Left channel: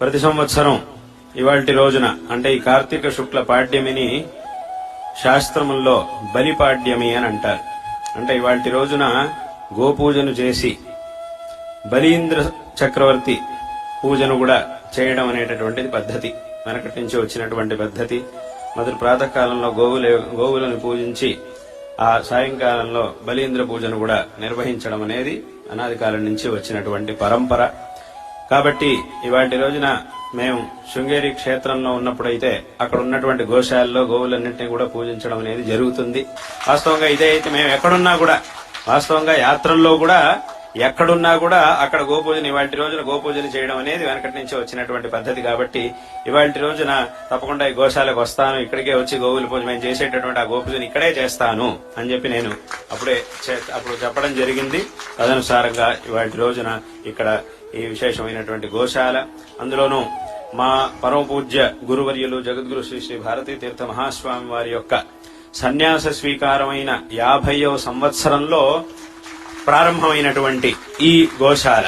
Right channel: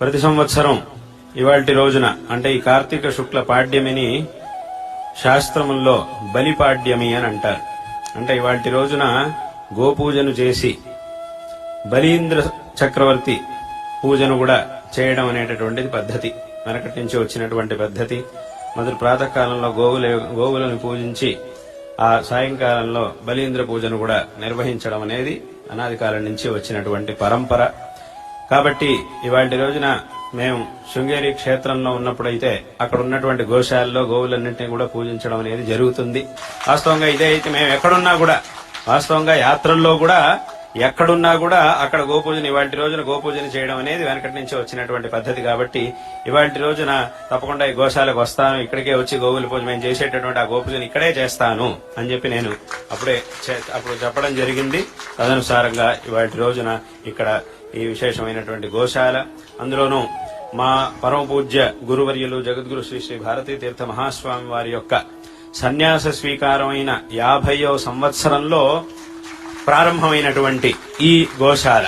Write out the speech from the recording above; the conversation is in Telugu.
ప్రతి సంవత్సరం ఇవాల్టి రోజున అంటే ఈ కార్తీక శుక్ల పాడ్యమిని శాస్త్రముల్లో బలిపాడ్యమి అని అంటారు. అంటే ఇవాల్టి రోజున గోపూజను చేసి బలీంద్ర చక్రవర్తి పూజను కూడా చేయడం అనేటటువంటిది పద్ధతి. వెనకటి నుంచి వచ్చినటువంటి పద్ధతి. మొదటి ప్రాతకాలంలో గోవులను పూజించి ఆ సాయంకాలంలో బలీంద్ర పూజను కూడా నిర్వహించడం అనేది అనాది కాలం నుంచి వచ్చినటువంటి పరంపర. కాబట్టి ఇవాటి రోజున మేము శృంగేరి క్షేత్రంలో ఉన్నప్పుడైతే అక్కడ ఉన్నటువంటి గోశాలలో గోవులన్నింటినీ కూడా పూజించడం అనేది జరుగుతుంది. వాస్తవంగా ఇదే అయితే మేము ఎక్కడున్నా కూడా వాస్తవంగా యాత్రల్లో కూడా ఎక్కడున్నా కూడా అక్కడ గోపూజన ఇవాటి రోజున గోపూజన చేయడం అనేది వెనకటి నుంచి వచ్చినటువంటి పద్ధతి. కాబట్టి ఇవాటి రోజున తప్పకుండా ఈ గోశాలకు వస్తాను, ఇక్కడికే వచ్చి గోవుల పూజ మేము చేసేటటువంటి ఆ గోపూజను ఇక్కడే చేస్తాను అని చెప్పి నేను అప్పుడు చెప్పడం జరిగింది. తదనుసారంగా ఇవాటి రోజున ఇక్కడ ఈ విశేషమైనటువంటి గోశాల, అందులోనూ మా పరమ పూజ్య గురువర్యులు జగద్గురు శ్రీ శ్రీ భారతీ తీర్థ మహాస్వామి వారి యొక్క సన్యాస స్వీకారమైన 50వ సంవత్సరంలో ప్రారంభమైనటువంటి ఈ గోశాల